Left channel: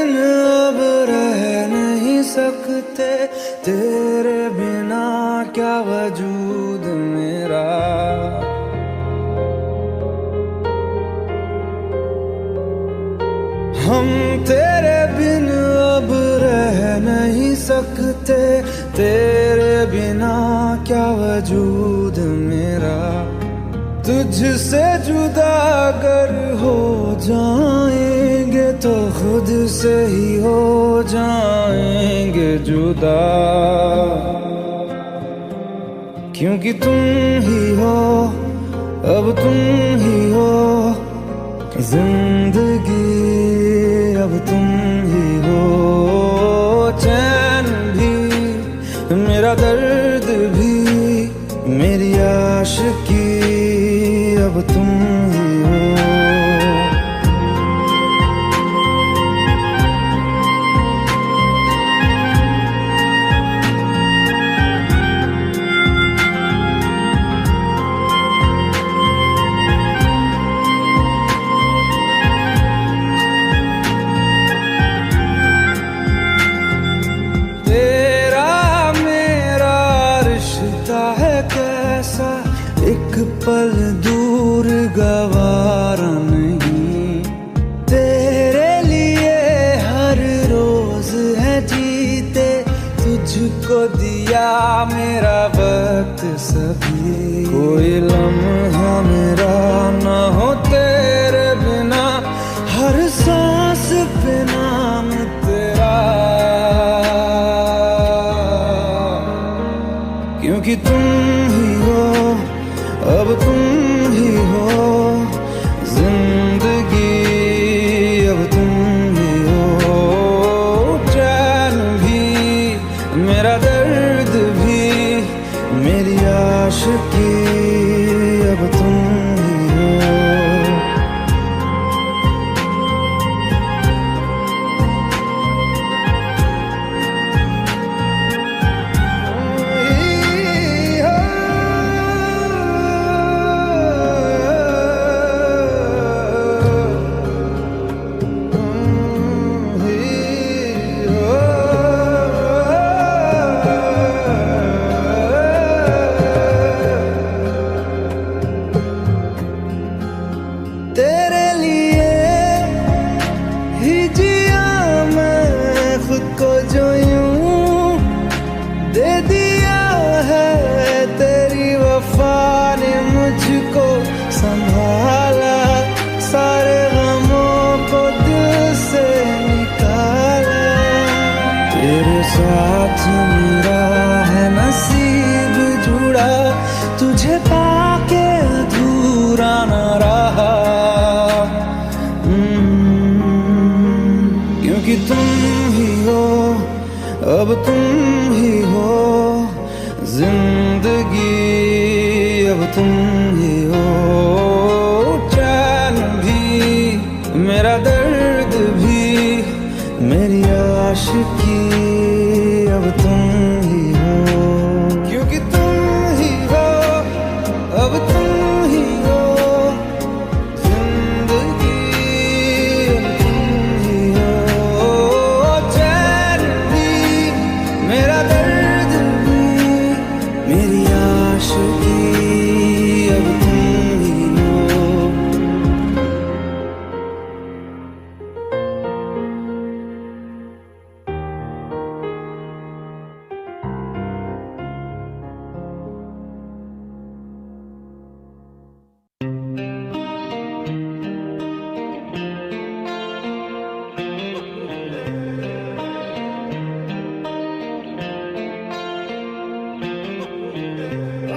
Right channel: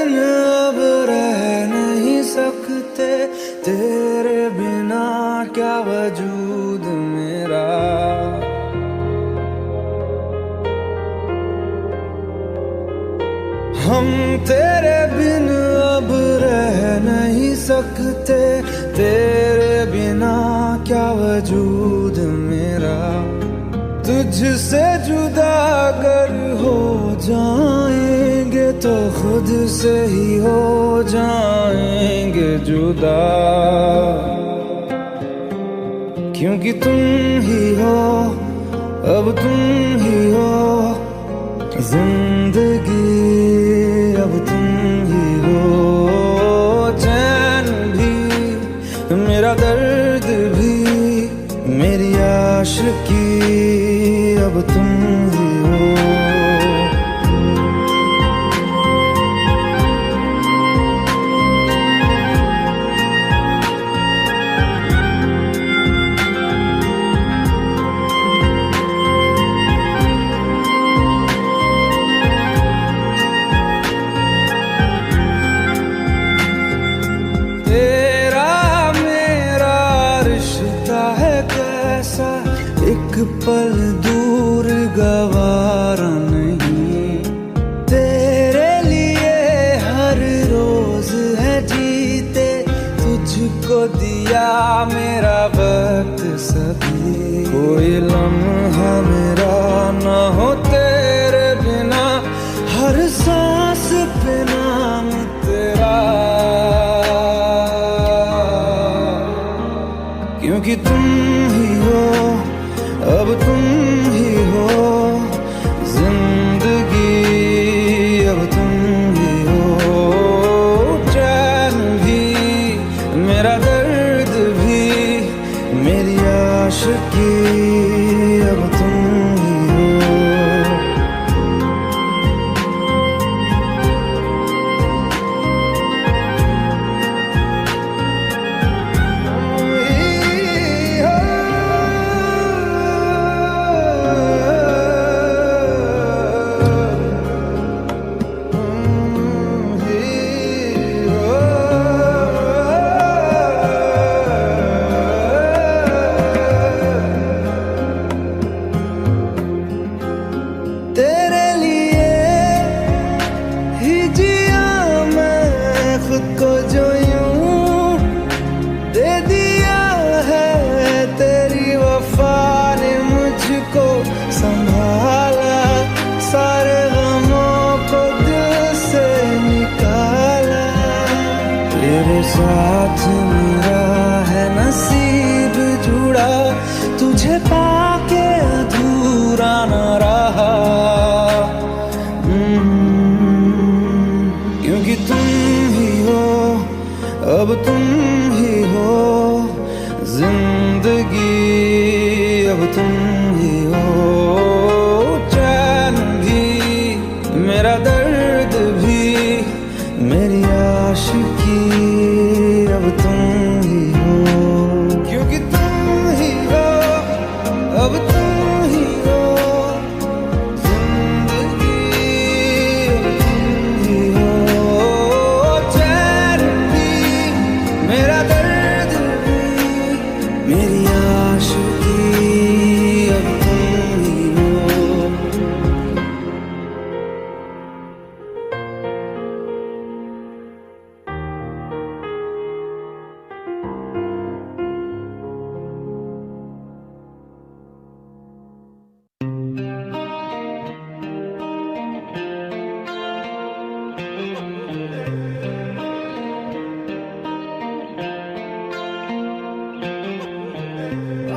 बिन अब रह नहीं सकते, तेरे बिना क्या वजूद मेरा। हम तेरे बिन अब रह नहीं सकते, तेरे बिना क्या वजूद मेरा। तुझसे जुदा अगर हो जाएंगे तो खुद से ही हो जाएंगे जुदा, क्योंकि तुम ही हो, अब तुम ही हो जिंदगी, अब तुम ही हो। चैन भी मेरा दर्द भी मेरी आशिकी, अब तुम ही हो। एक पल दूर गवारा नहीं, तेरे लिए हर रोज है जीते, तुझको दिया मेरा वक्त सभी। कोई लम्हा मेरा ना हो तेरे बिना, हर सांस पे नाम तेरा, क्योंकि तुम ही हो, अब तुम ही हो जिंदगी, अब तुम ही हो। चैन भी मेरा दर्द भी मेरी आशिकी, अब तुम ही हो। तेरे लिए ही जिया मैं खुद को, जो यूं दे दिया है तेरी वफा ने मुझको संभाला, सारे गमों को दिल से निकाला। तेरे साथ मेरा है नसीब जुड़ा, तुझे पाके अधूरा न रहा, क्योंकि तुम ही हो, अब तुम ही हो जिंदगी, अब तुम ही हो। चैन भी मेरा दर्द भी मेरी आशिकी, अब तुम ही हो, क्योंकि तुम ही हो, अब तुम ही हो जिंदगी, अब तुम ही हो। चैन भी मेरा दर्द भी मेरी आशिकी, अब तुम ही हो।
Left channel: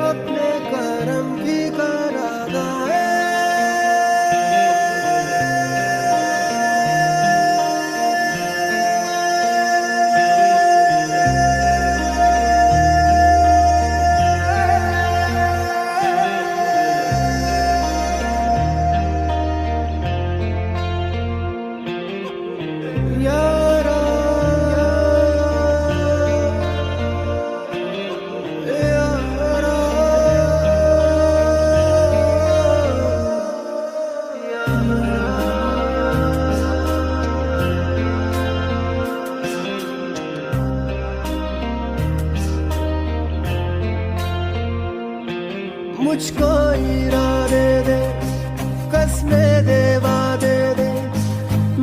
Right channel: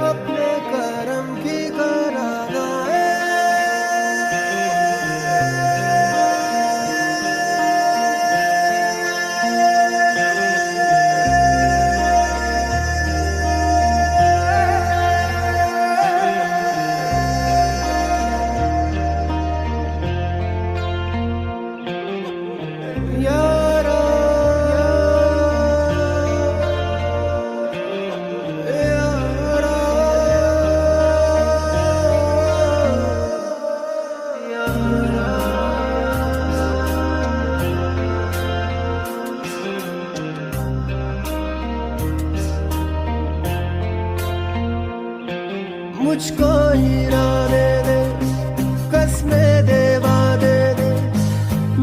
अपने करम की करादाए, यारा यारा मुझको इरादे दे, कसमें दे, वादे दे,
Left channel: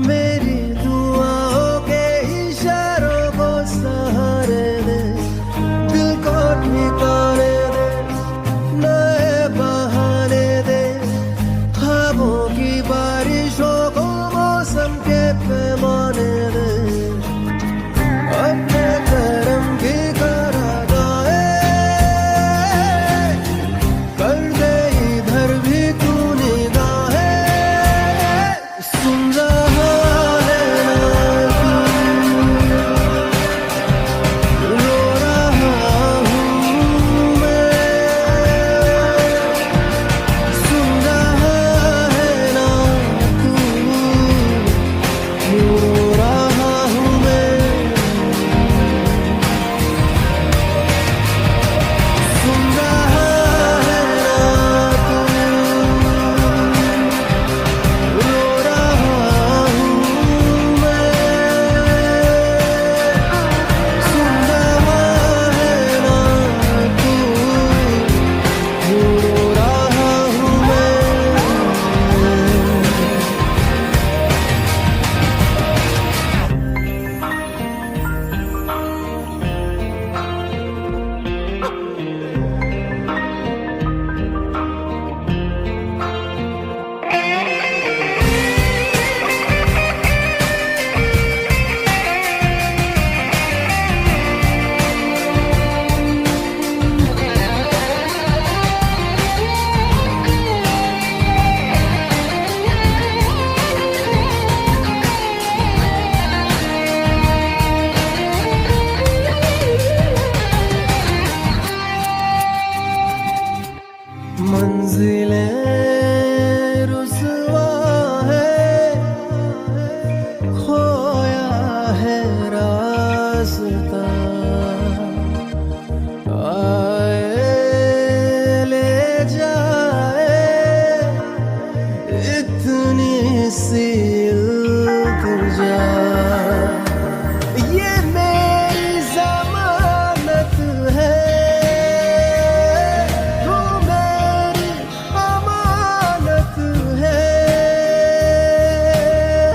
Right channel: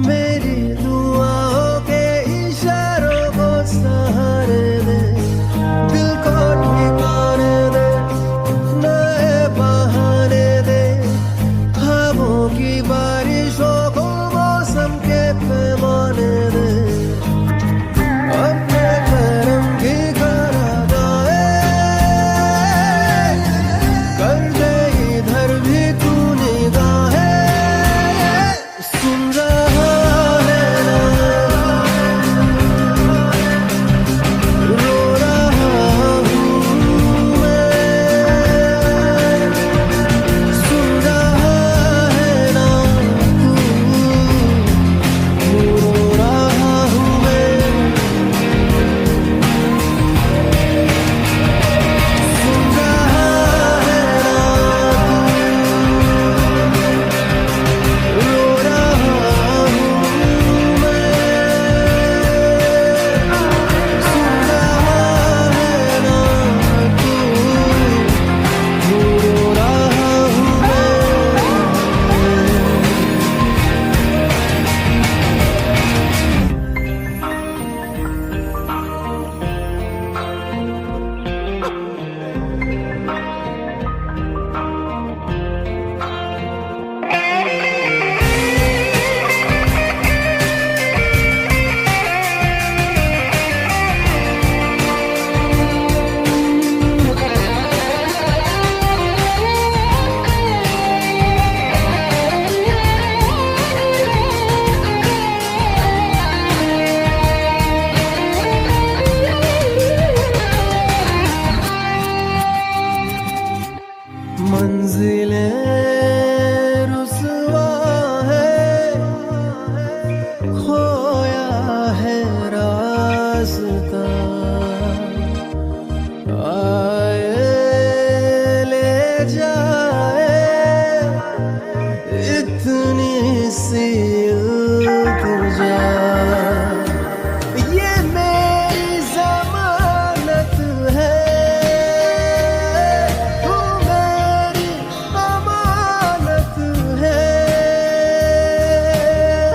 मेरी दुआओं के इशारों को सहारे दे, दिल को ठिकाने दे, नए बहाने दे, ख्वाबों की बारिशों को मौसम के पैमाने दे, अपने करम की करादाए कर दे इधर भी तू निगाहें, सुन रहा है ना तू, रो रहा हूँ मैं, सुन रहा है ना तू, रो रहा हूँ मैं, सुन रहा है ना तू, रो रहा हूँ मैं, सुन रहा है ना तू, रो रहा हूँ मैं। मंजिलें रुसवा है, खोया है रास्ता, आए ले जाए इतनी सी इल्तिजा, ये मेरी जमानत है, तू मेरी अमानत है,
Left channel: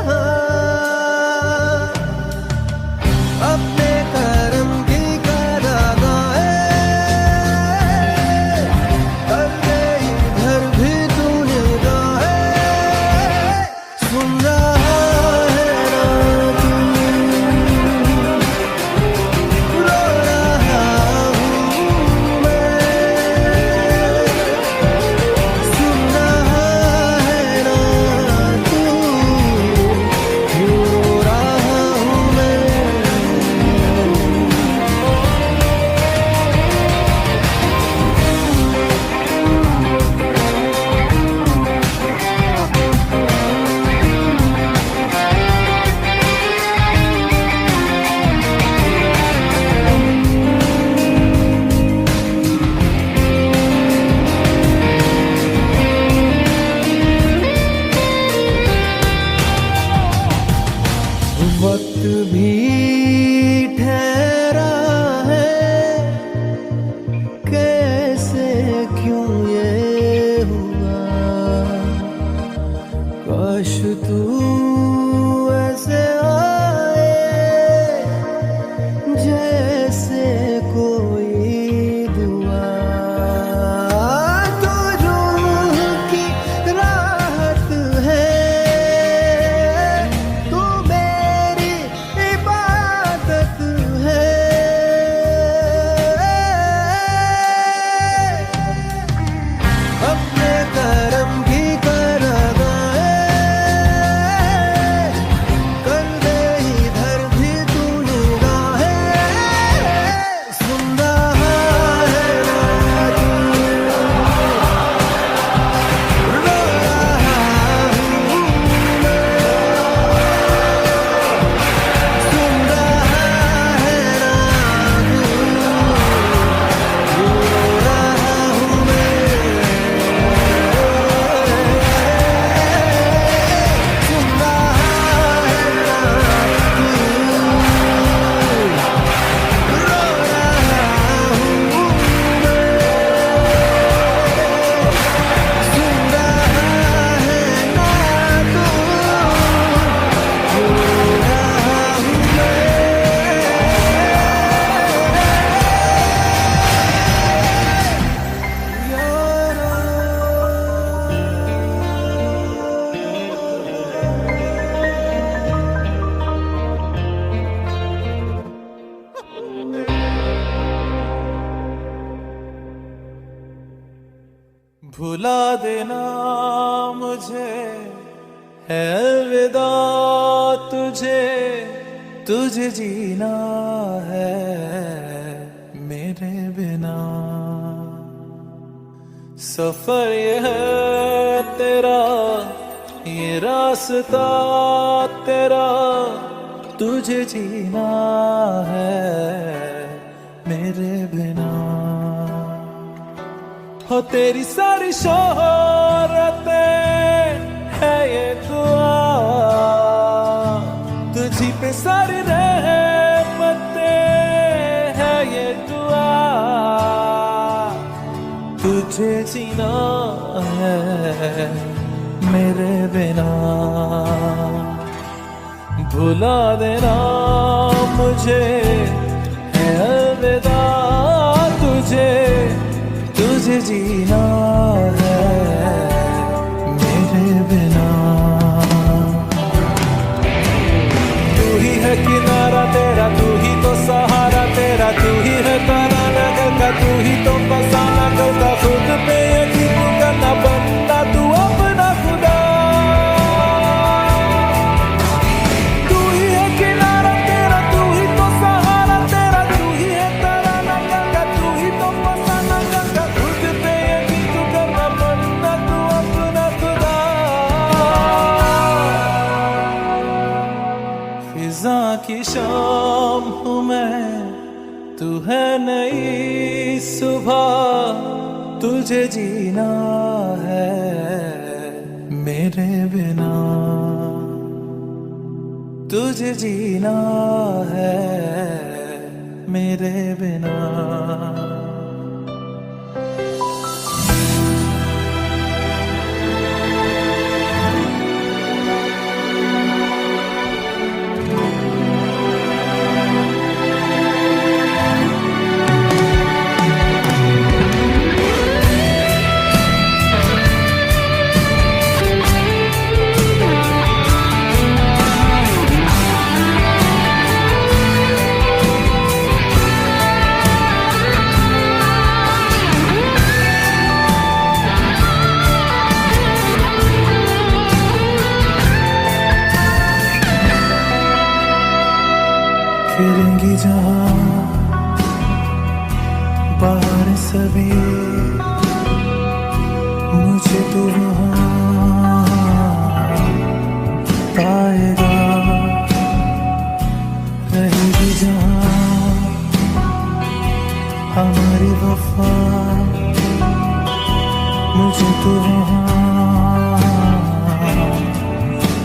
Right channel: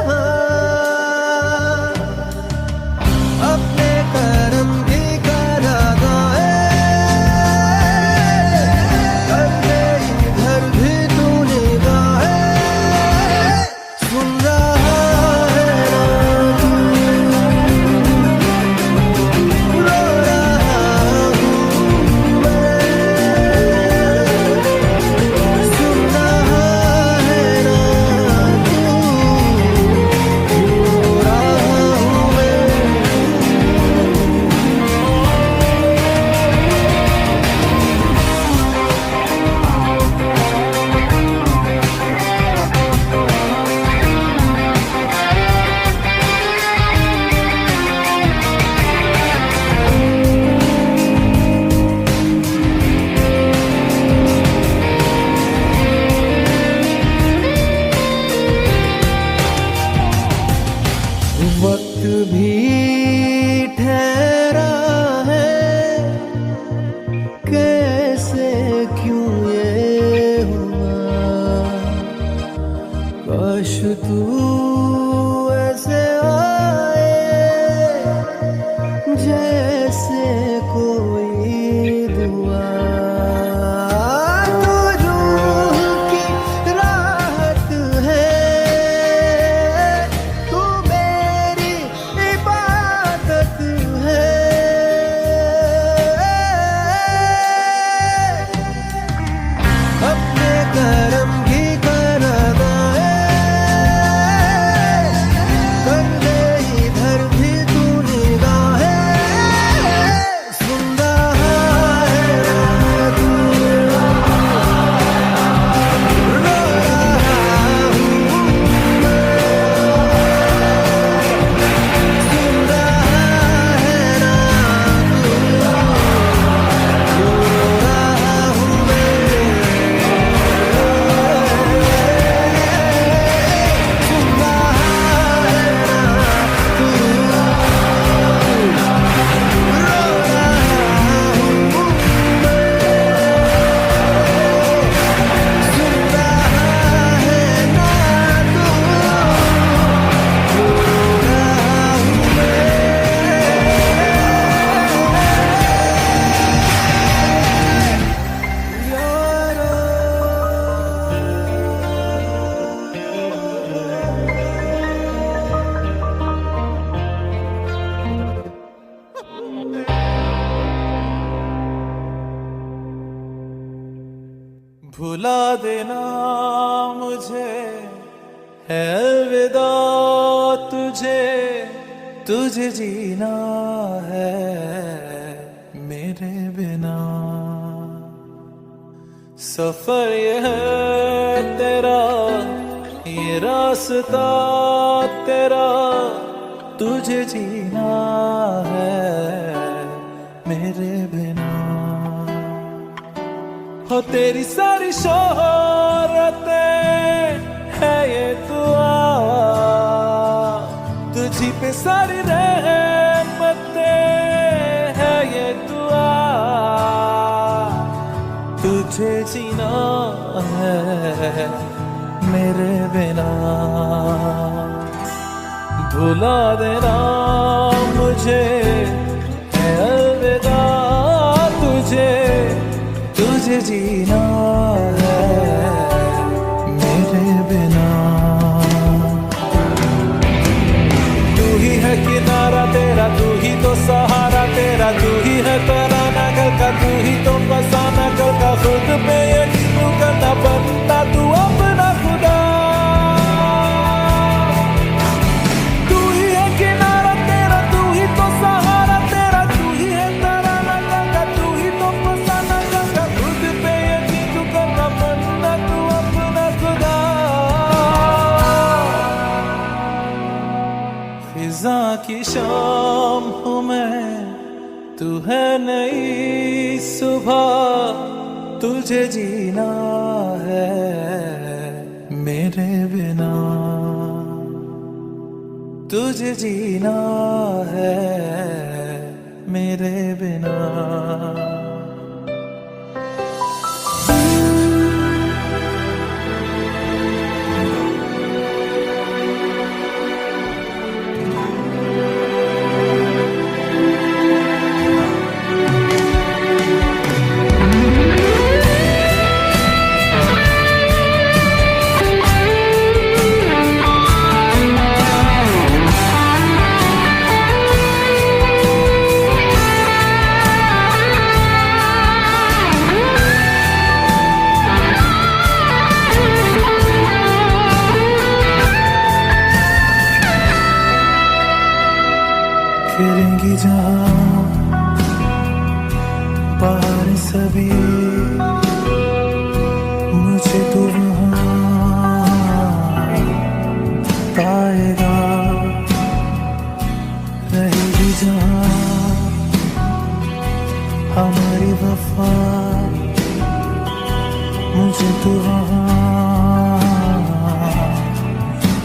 हाँ। अपने करम की करादाए कर दे इधर भी तू निगाहें, सुन रहा है ना तू, रो रहा हूँ मैं, सुन रहा है ना तू, रो रहा हूँ मैं। वक्त भी ठहरा है, कैसे क्यों ये हुआ, काश तू ऐसे आए जैसे कोई दुआ, तो रूह की राहत है, तू मेरी इबादत है, अपने करम की करादाए भुला देना मुझे है अलविदा तुझे, तुझे जीना है मेरे बिना। सफर ये है तेरा, ये रास्ता तेरा, तुझे जीना है मेरे बिना। हो तेरी सारी शोहरतें है ये दुआ, तुझी पे सारी रहमतें है ये दुआ, तुझे जीना है मेरे बिना। भुला देना मुझे है अलविदा तुझे, तुझे जीना है मेरे बिना। तू ही है किनारा तेरा, तू ही तो सहारा तेरा, तू ही है तराना गल का, तू ही तो फसाना कल का। खुद पे यकीन तू करना बनना तू अपना खुदा। तू ही है किनारा तेरा, तू ही तो सहारा तेरा, तू ही है तराना गल का, तू ही तो फसाना कल का। खुद पे यकीन तू करना बनना तू अपना खुदा। फिजा की शाम हूँ मैं, तू है नई सुबह, तुझे जीना है मेरे बिना, तुझे जीना है मेरे बिना। फिरेंगी जहाँ बाहर सभी, मुझे तू वहाँ पाएगा। रहेगी जहाँ हमारी वफा, मुझे तू वहाँ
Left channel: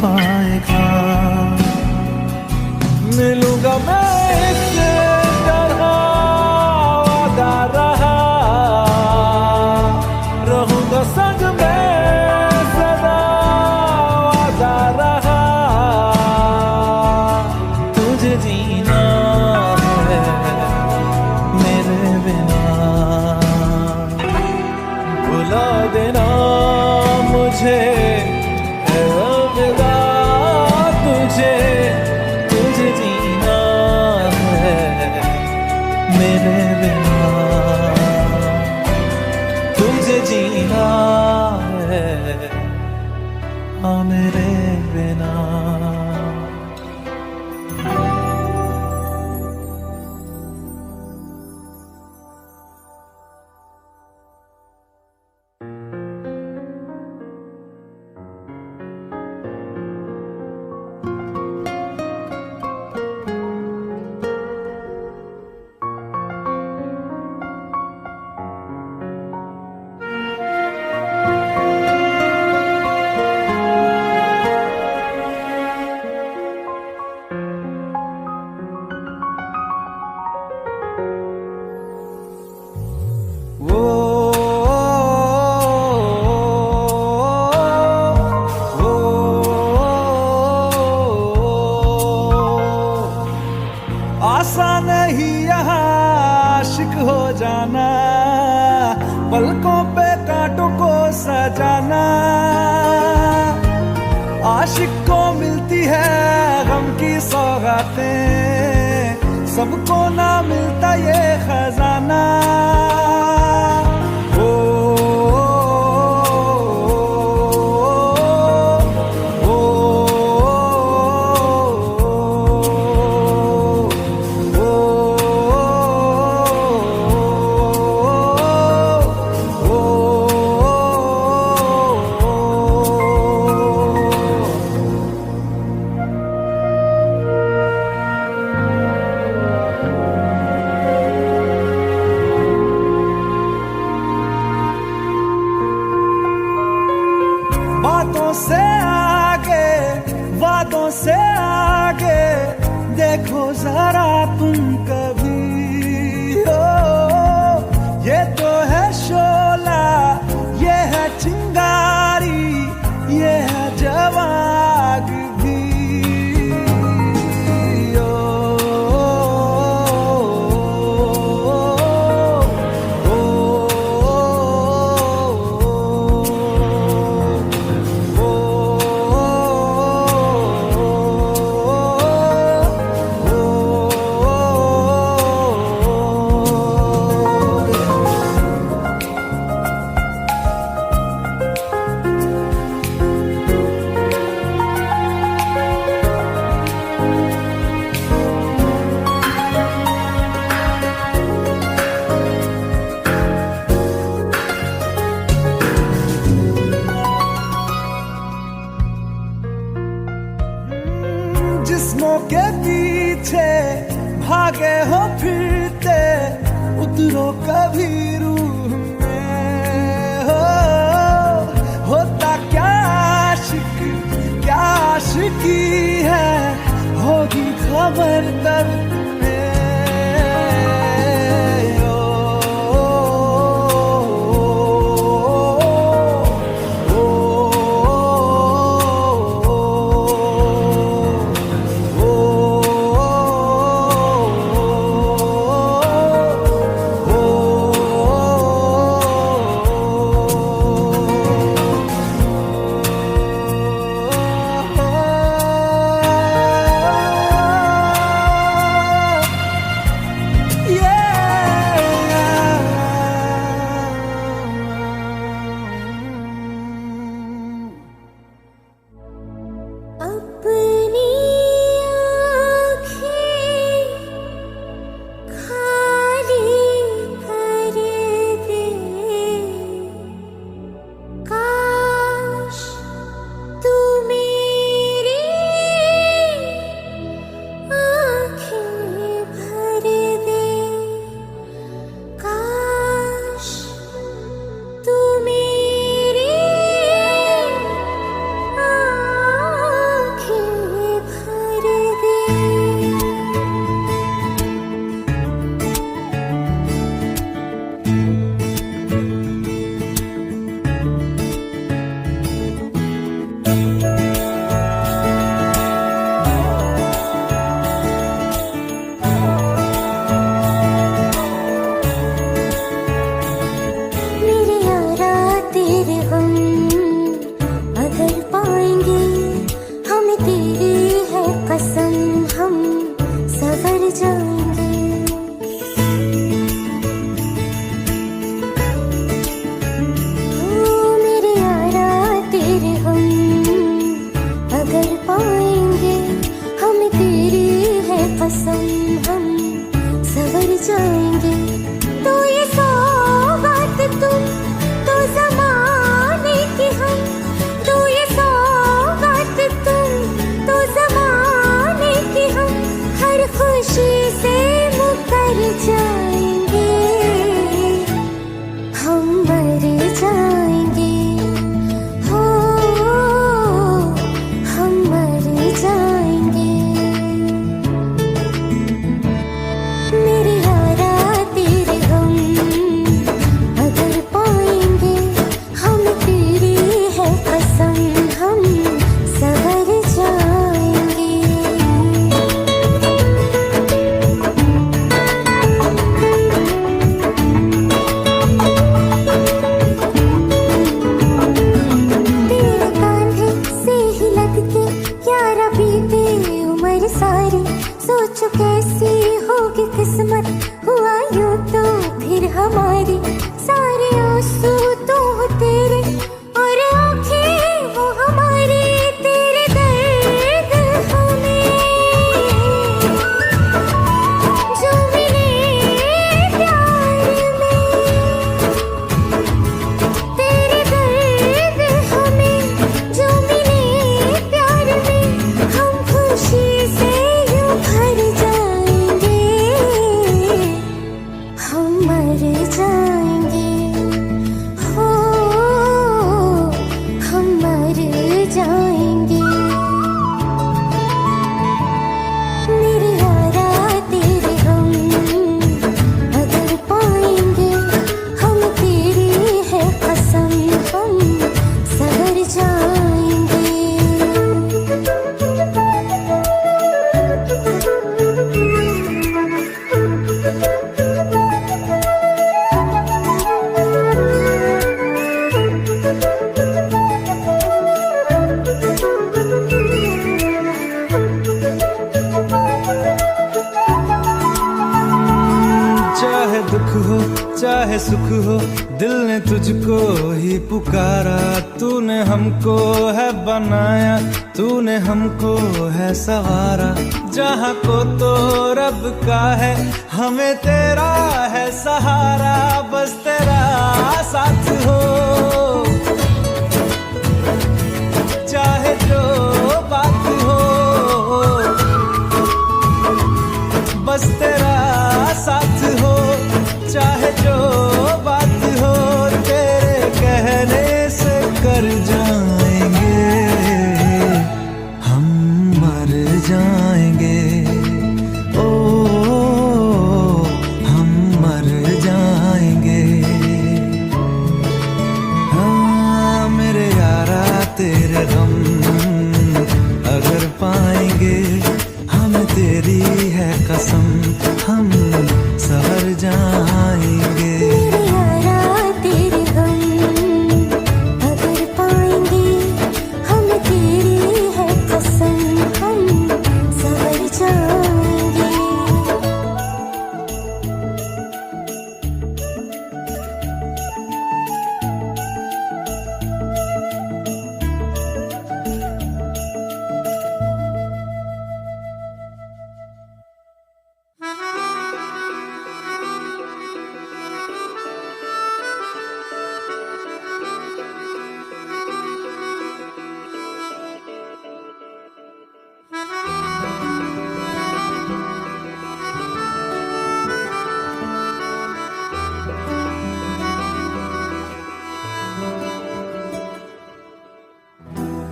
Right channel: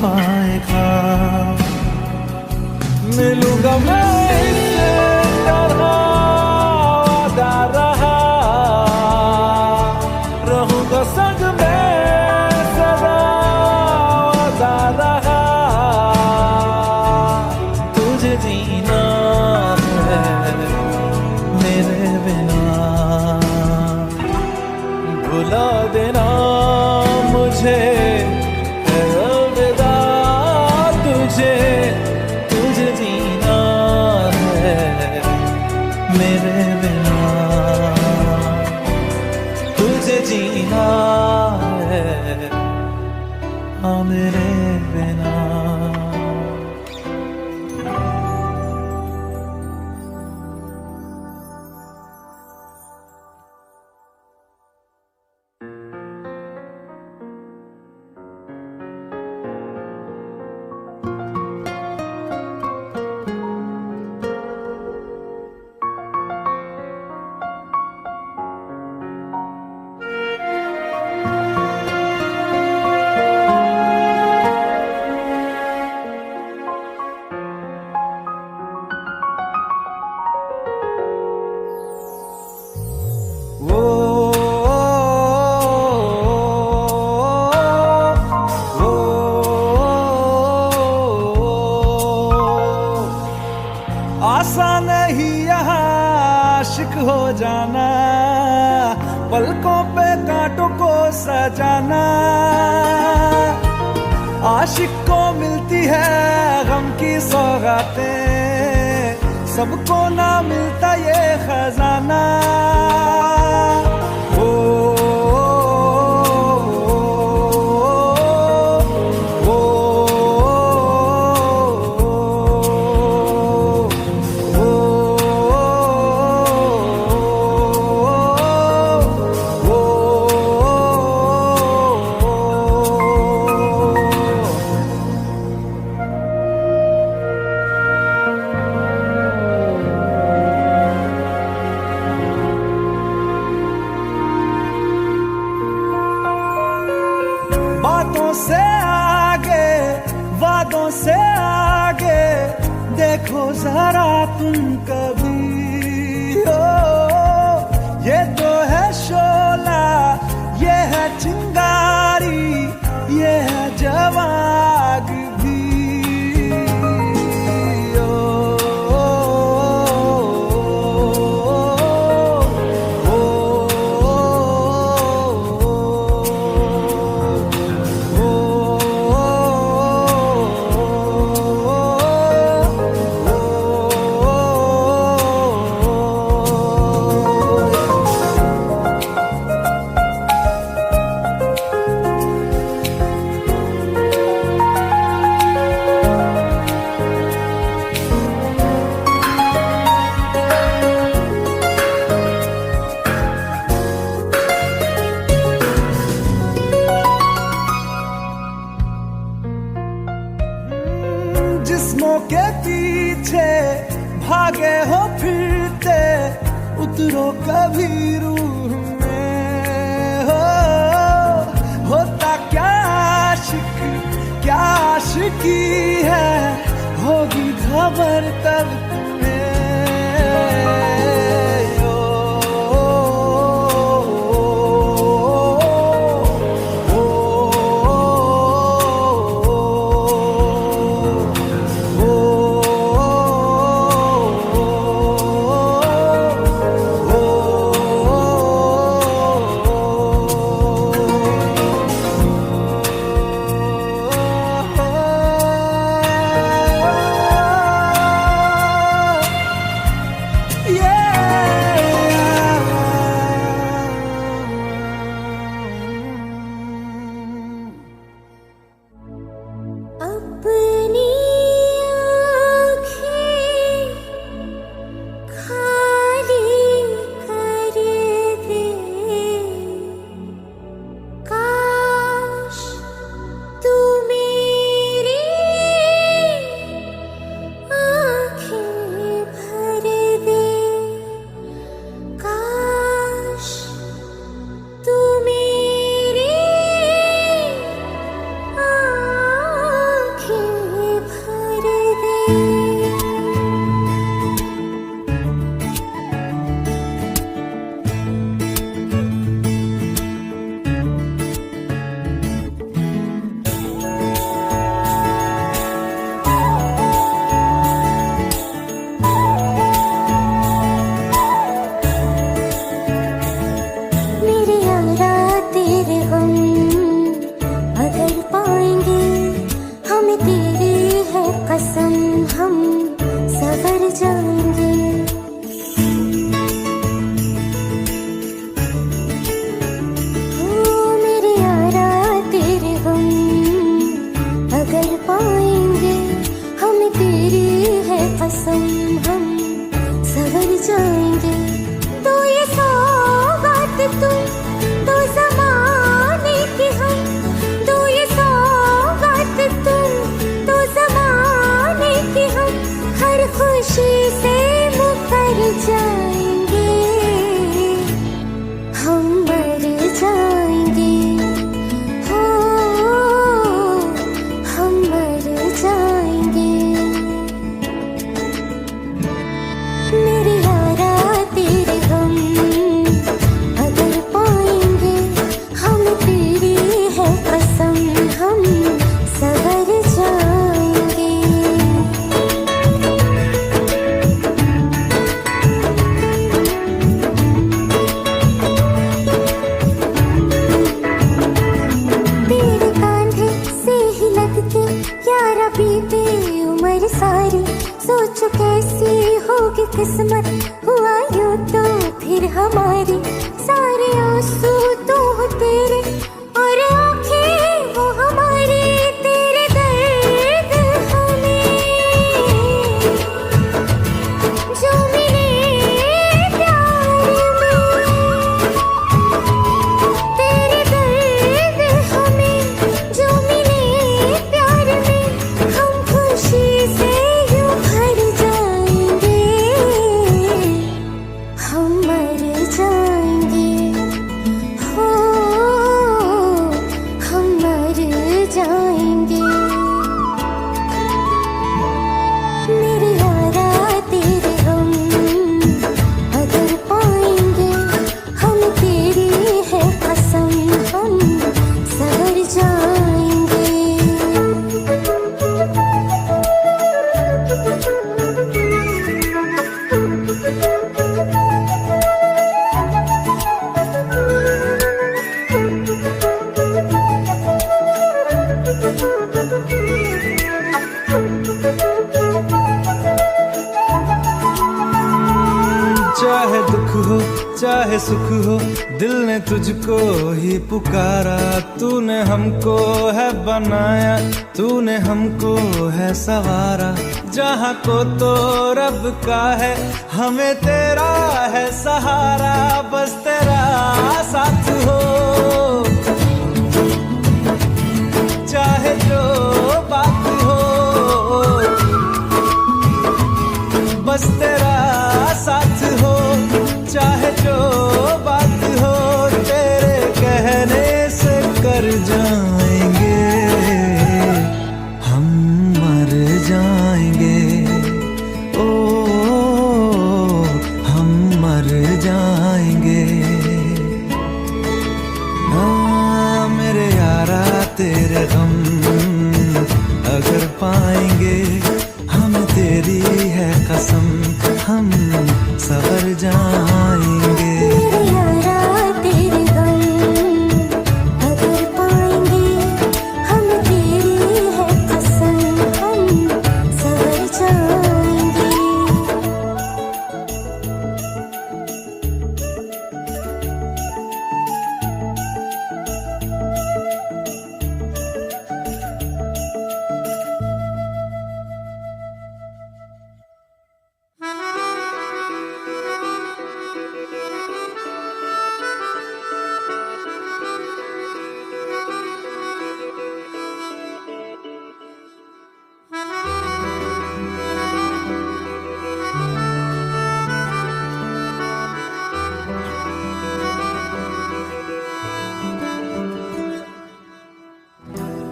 पाएगा। मिलूंगा मैं इस तरह वादा रहा, रहूंगा संग में सदा वादा रहा। तुझे जीना है मेरे बिना। भुला देना मुझे है अलविदा तुझे, तुझे जीना है मेरे बिना, तुझे जीना है हाँ मेरे बिना। आसान नहीं यहाँ आशिक हो जाना, पलकों पे कांटों को सजाना। आशिक को मिलती है गम की सौगातें, सबको ना मिलता ये खजाना। ओ से आगे देखो जरा तुम कभी हो, ये तो है शोला, ये है चिंगारी, ये है जवाग भी। जिस्मों के पीछे भागे हो फिरते, उतरो कभी रूह में हो। होता क्या आशिक, क्या आशिकी है, होगी खबर तब तुम्हें। अपनी आँखें खाली कर दे, काश तू मेरी आँखें भर दे, काश तू मेरी मेरे यारा तेरे गम अगर पाएंगे, हमें तेरी है कसम, हम सवर जाएंगे। ओ मेरे यारा तेरे गम अगर पाएंगे, हमें तेरी है कसम, हम सवर जाएंगे। तो ये सौगात तुम तो ज़माने की हम, तो ये सौगात तुम तो ज़माने की हम, हर खुशी से मुकर जाएंगे, हम मर जाएंगे, हो हम मर जाएंगे। मेरे यारा तेरे गम अगर पाएंगे, हमें तेरी है कसम, हम सवर जाएंगे। तेरे कांधे से ही लग के यारा बीते उम्र सारी, सोचो कैसी होगी किस्मत, हुआ यूं तो फिर हमारी। सारे आंसू तो हो तेरे और आंखें वो हमारी, तेरे दर्द हमें जो मिले प्यार में, तेरे दर्द हमें जो मिले प्यार में, हम खुशी से यूं भर जाएंगे, हम मर जाएंगे। दुख हो चाहे सुख हो, दिल ने तुझको ही पुकारा। तूने हमको है बनाया, तूने हमको है सवारा। जहाँ को तो रब का है, हमें तेरा है सहारा। बस तेरा साथ हो चाहे जो बात हो, बस तेरा साथ हो चाहे जो बात हो। तेरे कहने से कर जाएंगे, हम मर जाएंगे। ओ हम मर जाएंगे। हाँ मेरे यारा तेरे गम अगर पाएंगे, हमें तेरी है कसम, हम सवर जाएंगे। मेरे यारा तेरे गम अगर पाएंगे, हमें तेरी है कसम, हम सवर जाएंगे।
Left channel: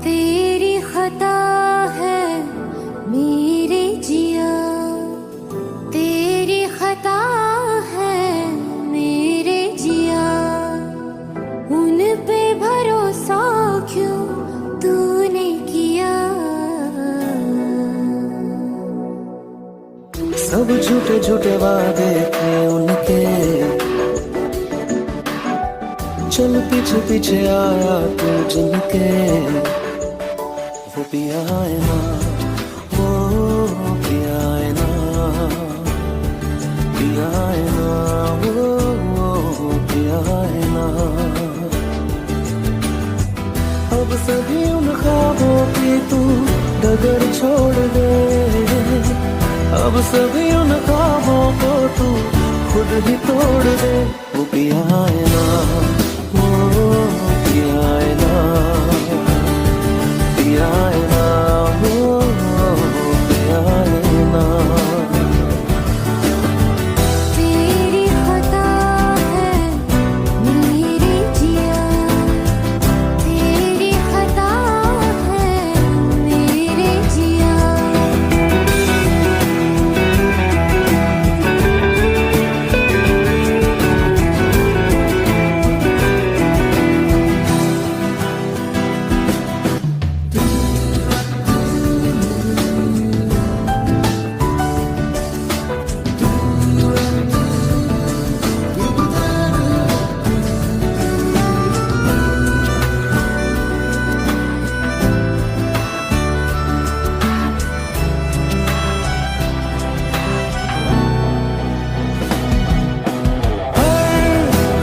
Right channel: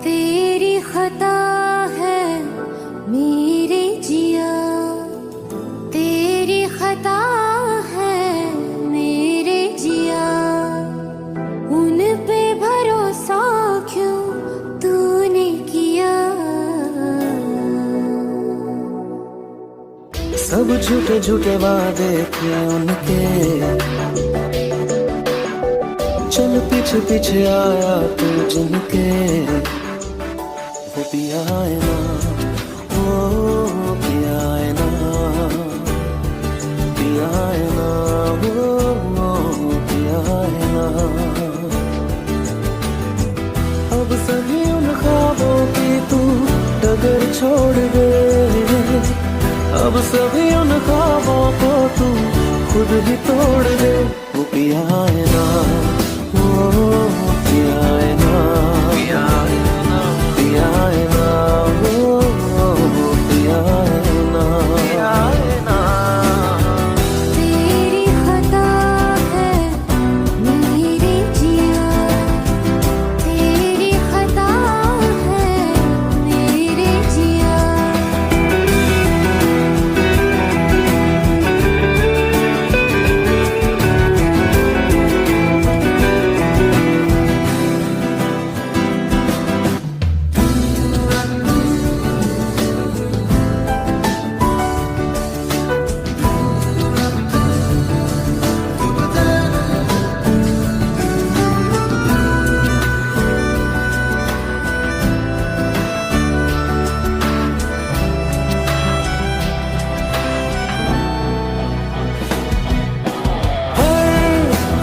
तेरी खता है मेरे जिया, तेरी खता है मेरे जिया। उन पे भरोसा क्यों तूने किया? सब झूठे झूठे वादे थे उनके, चल पीछे पीछे आया तू जिनके। वो पिया है ना, वो पिया है ना, पिया है ना, वो पिया है ना। अब सभी उन ख्वाबों की तू डगर छोड़ दे, अब सभी उन ख्वाबों को तू खुद ही तोड़ दे। वो पिया है ना, वो पिया है ना, पिया है ना, वो पिया है ना। तेरी खता है मेरे जिया, तेरी खता है मेरे जिया।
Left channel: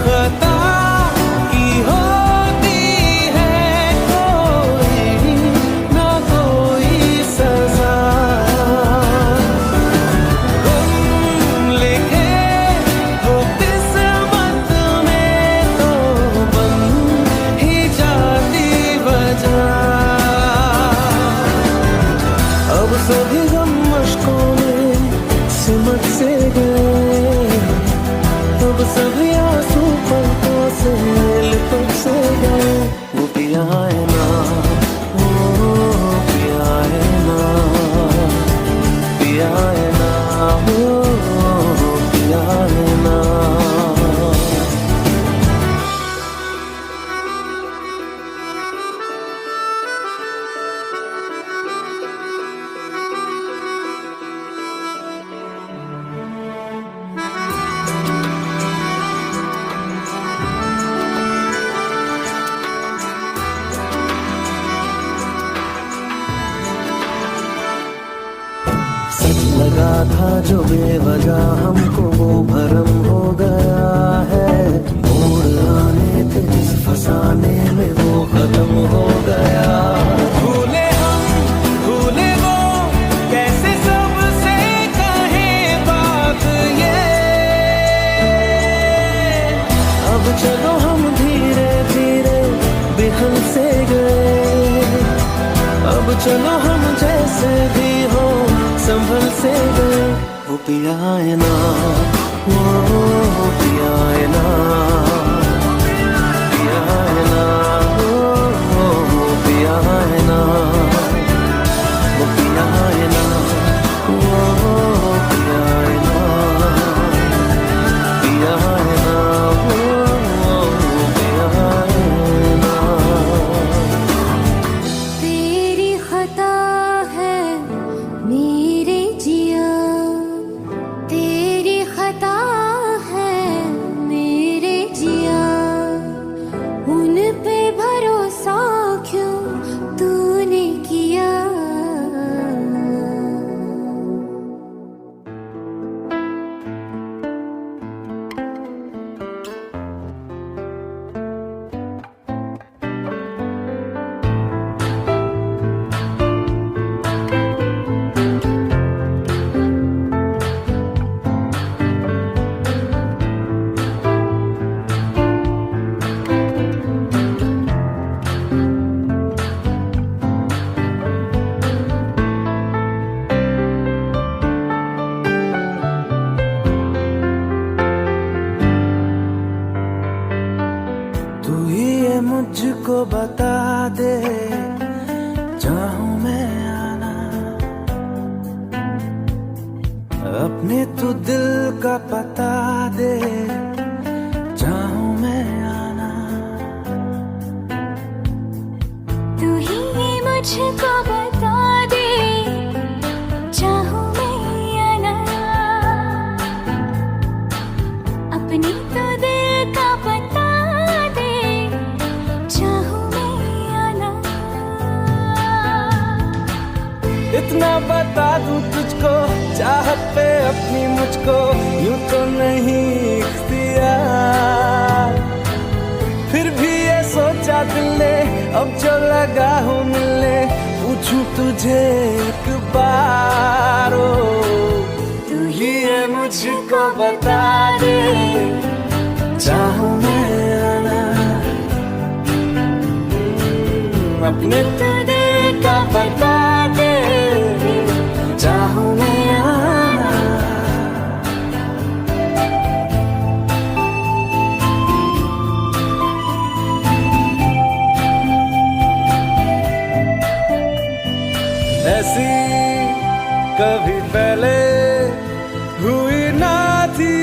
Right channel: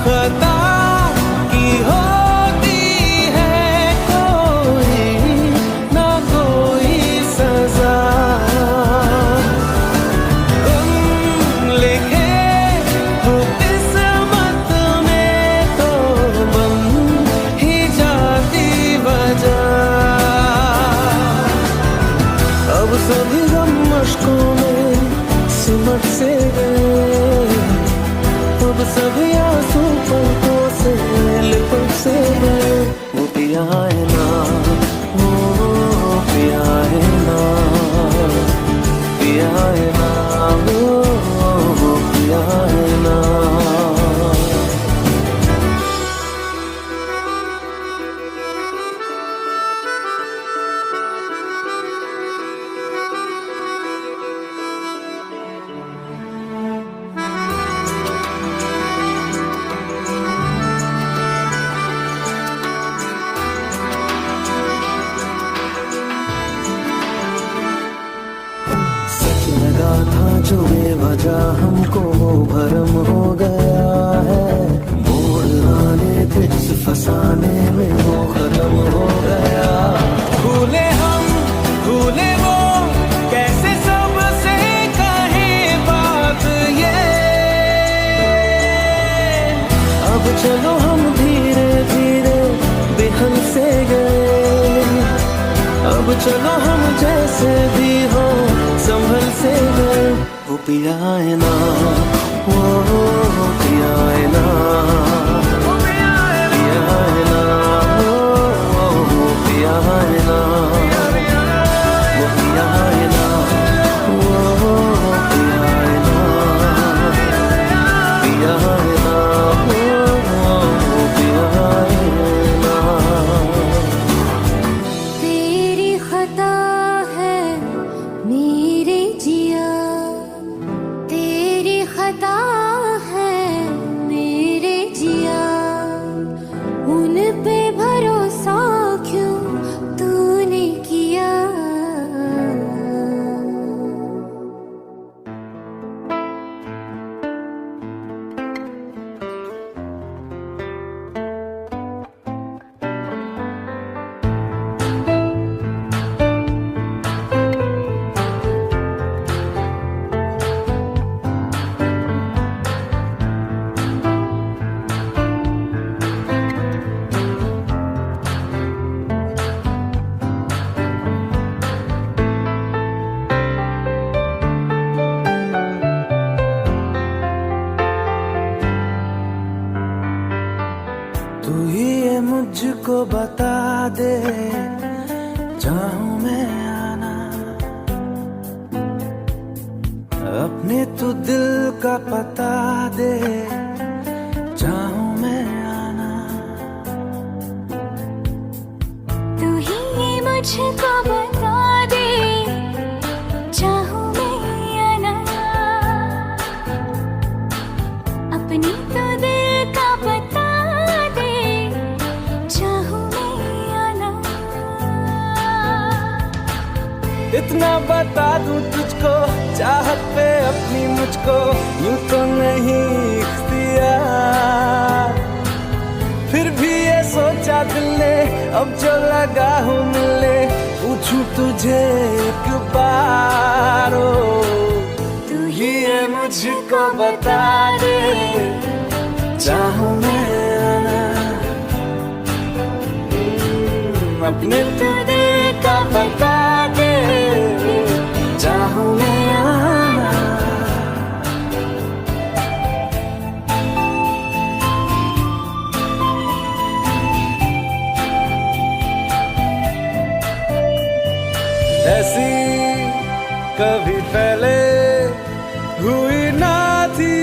खता की होती है कोई ना कोई सजा, गम लिखे हो किस्मत में तो बन ही जाती वजह। अब सभी गम मशकों में सिमट से गए, अब सभी आंसू पलकों से लिपट से गए। वो पिया है ना, वो पिया है ना, पिया है ना, वो पिया है ना। लगा था जो बेवजह हमको भरम हो गया, चलो हम धीरे धीरे बिहल से गए, अब चलो हम जैसे भी हो संभल से गए। वो पिया है ना, वो पिया है ना, पिया है ना, वो पिया है ना, वो पिया है ना, वो पिया है ना, पिया है ना, वो पिया है ना। तेरी खता है मेरे जिया, तेरी खता है मेरे जिया, उन पे भरोसा क्यों तूने किया। तू ही ये मुझको बता दे, चाहूं मैं आना, अपने तू दिल का पता दे, चाहूं मैं आना। तू ही ये मुझको बता दे, चाहूं मैं आना, अपनी तो दिल का पता दे, चाहूं मैं आना। इतना बता दूं तुझको, चाहत पे अपनी मुझको यूं तो नहीं इख्तियार, फिर भी ये सोचा दिल ने अब जो लगा हूँ मिलने, पूछूं तुझे एक बार। ओ तू ही ये मुझको बता दे, चाहूं मैं आना, अपने तो दिल का बता दे, चाहूं मैं आना। ऐसी कभी पहले हुई ना थी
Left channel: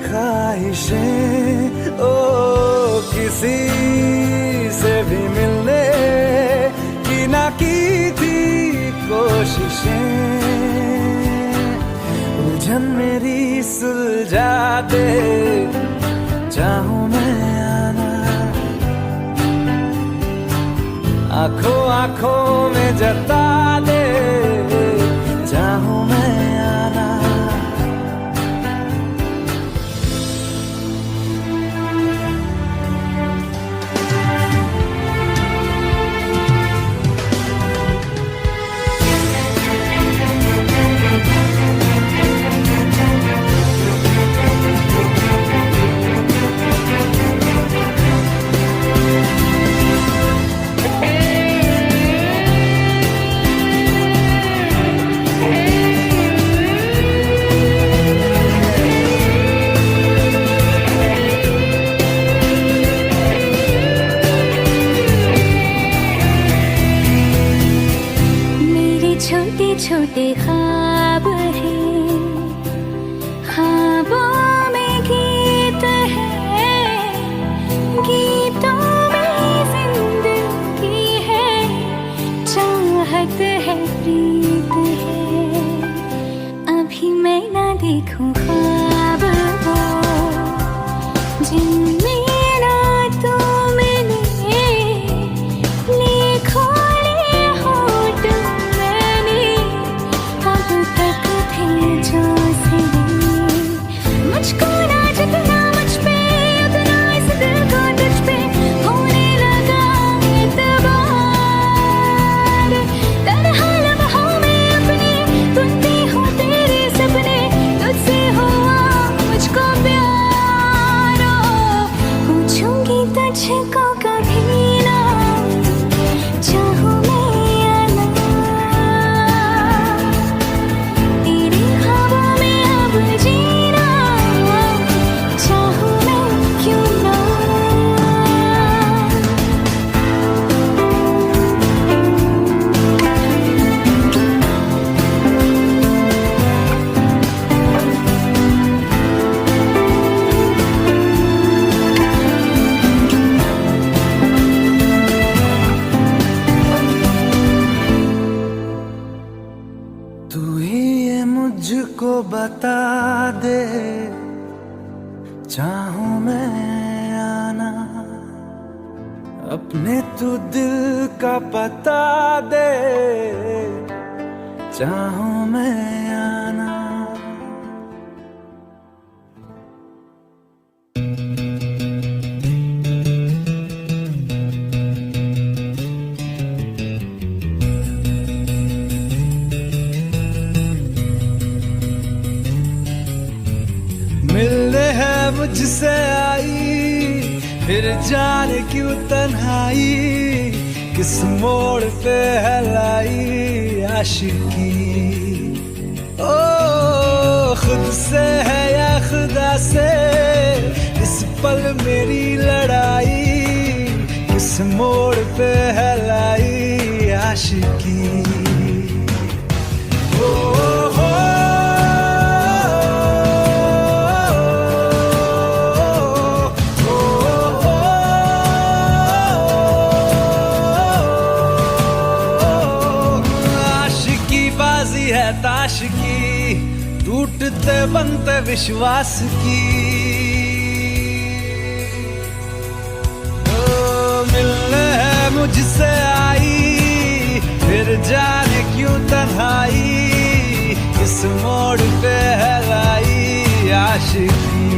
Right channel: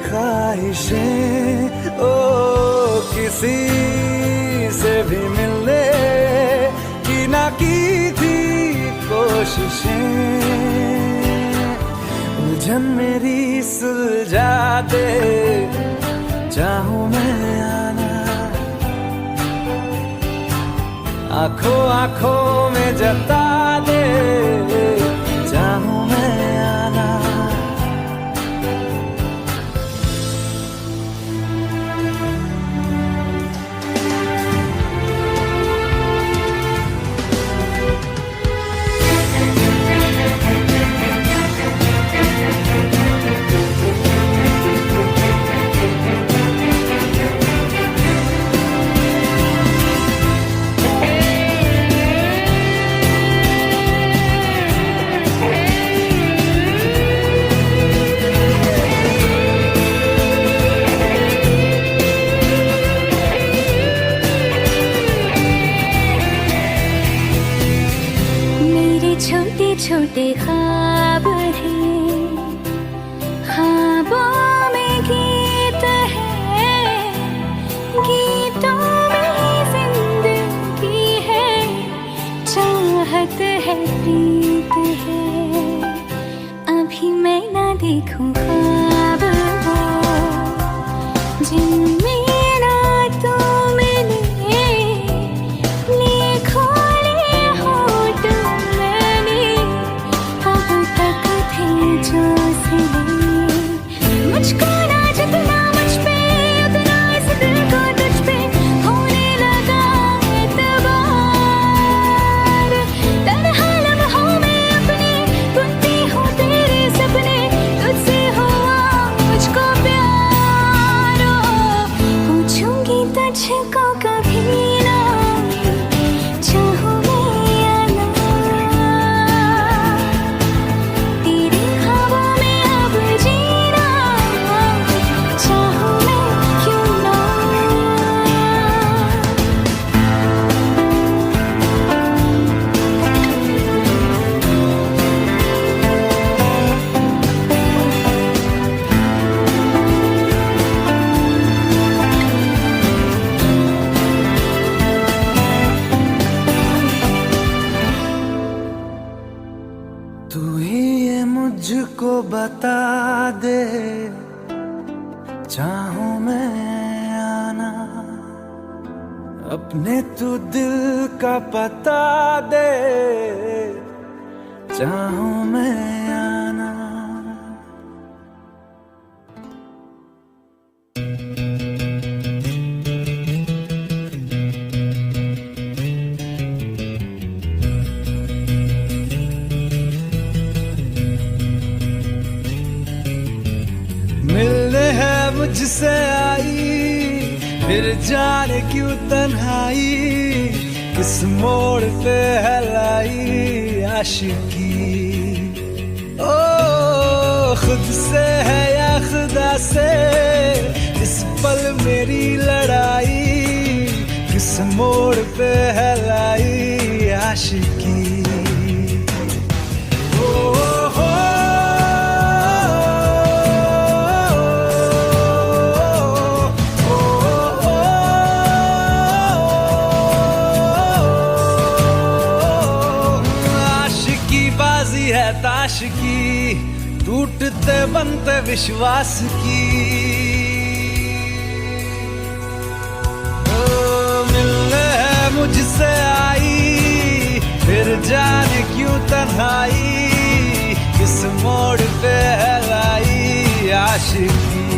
ख्वाहिशें, ओ किसी से भी मिलने की ना की थी कोशिशें, उलझन मेरी सुलझा दे, चाहूं मैं आना, आंखों आंखों में जता दे, चाहूं मैं आना। छोटे छोटे ख्वाब हैं, ख्वाबों में गीत है, गीतों में जिंदगी है, चाहत है प्रीत है। अभी मैं ना देखूं ख्वाब वो जिनमें ना तू मिले, लिखो ले होठ मैंने अब तक थे जो सिले। मुझको ना जितना मुझ पे उतना इस दिल को तुझ पे होने लगा एतबार। तन्हा लम्हों में अपने बुनती हूँ तेरे सपने, तुझसे हुआ मुझको प्यार। बता दे, चाहूं मैं आना, अपने तू दिल का पता दे, चाहूं मैं आना। मिलने है मुझसे आई, फिर जाने क्यों तन्हाई, किस मोड़ पे है लाई आशिकी। ओ खुद से है या खुदा से, इस पल मेरी लड़ाई, किस मोड़ पे है लाई आशिकी। बाजी है ताश की, टूटते बनते विश्वास की। मिलने है मुझसे आई, फिर जाने क्यों तन्हाई, किस मोड़ पे है लाई आशिकी।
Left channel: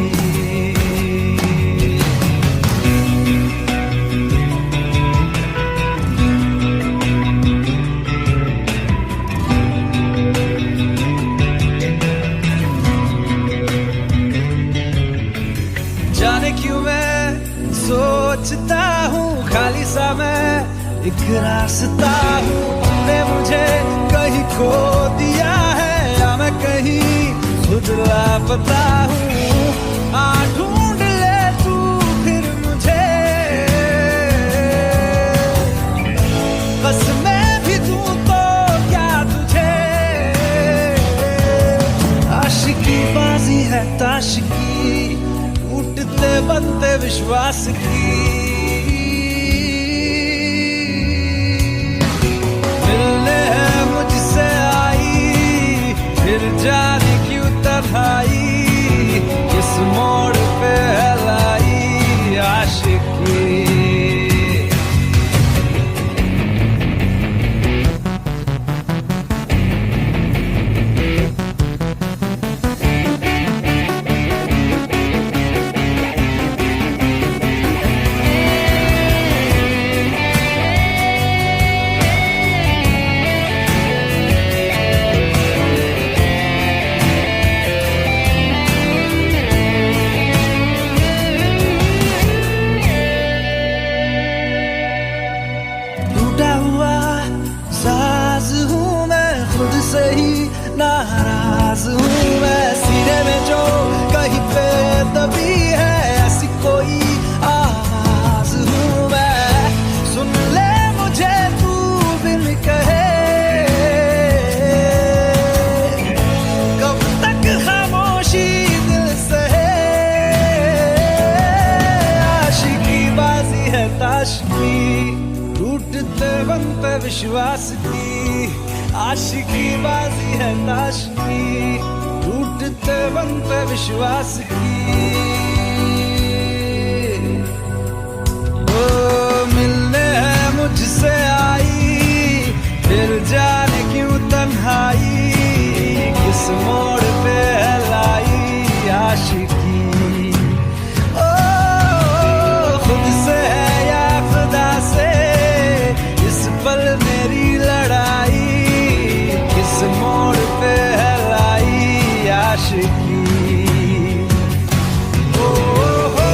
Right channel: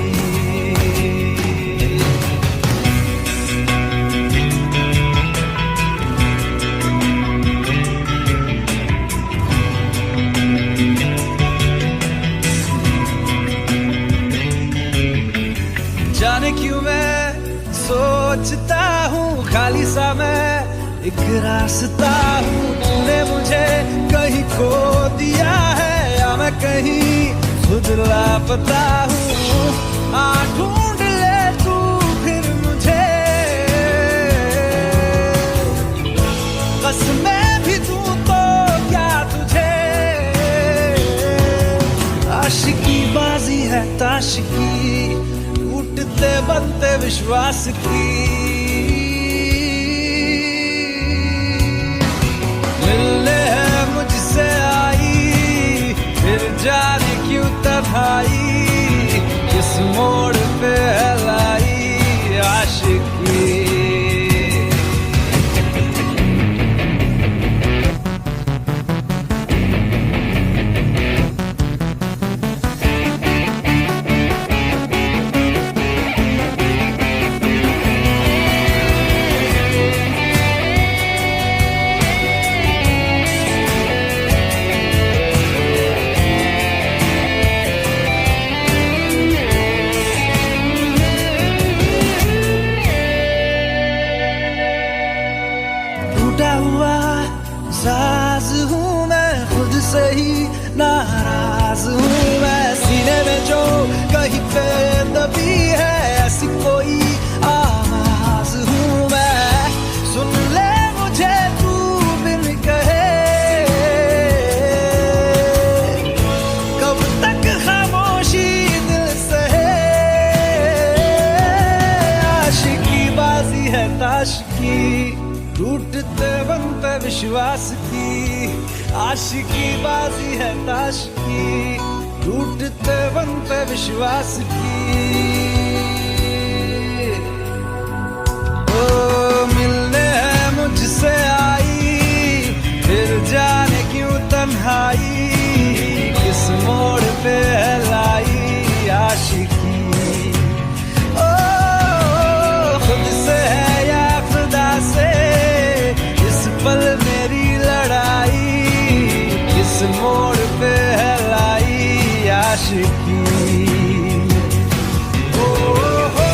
जाने क्यों मैं सोचता हूँ, खाली सा मैं एक रास्ता हूँ। तूने मुझे कहीं खो दिया है, या मैं कहीं खुद लापता हूँ। आ ढूंढ ले तू फिर मुझे, कसमें भी दूँ तो क्या तुझे। आशिकी बाजी है ताश की, टूटते बनते विश्वास की। मिलने है मुझसे आई, फिर जाने क्यों तन्हाई, किस मोड़ पे है लाई आशिकी। टूटा हुआ साज हूँ मैं, खुद से ही नाराज हूँ मैं। सीने में जो कहीं पे दबी है, ऐसी कोई आवाज हूँ मैं। सुन ले मुझे तू बिन कहे, कब तक खामोशी दिल सहे। आशिकी बाजी है ताश की, टूटते बनते विश्वास की। आशिकी बाजी है ताश की, टूटते बनते विश्वास की। ओ मिलने है मुझसे आई, फिर जाने क्यों तन्हाई, किस मोड़ पे है लाई आशिकी। ओ खुद से है या खुदा से, इस पल मेरी लड़ाई, किस मोड़ पे है लाई आशिकी। ओ हो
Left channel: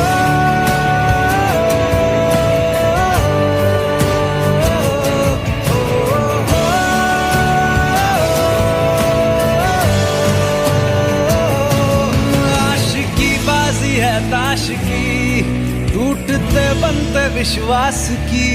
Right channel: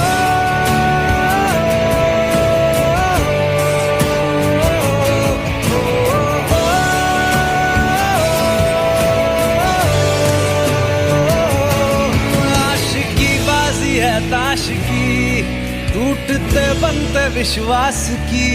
आशिकी बाजी है ताश की, टूटते बनते विश्वास की।